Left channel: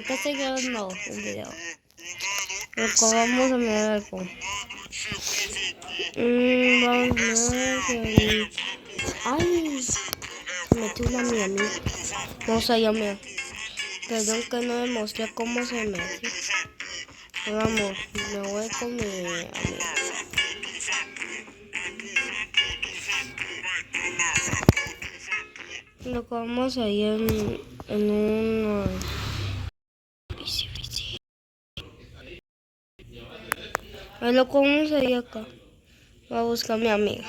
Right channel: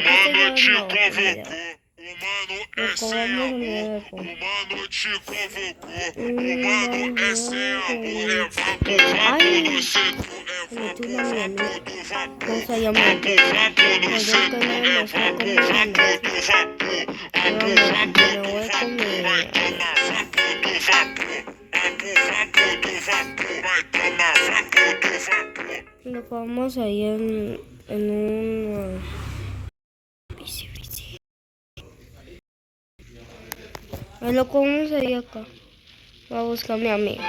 Acá estoy grabando el video. Pero vamos a mirar algo. Ay, metí una mía. No se llama. Perdón que no me mostré cómo se mete. Me voy con mi amiga. Lo que vamos a ir en un lo que vamos a ir acá. Voy a buscar a mi amiga.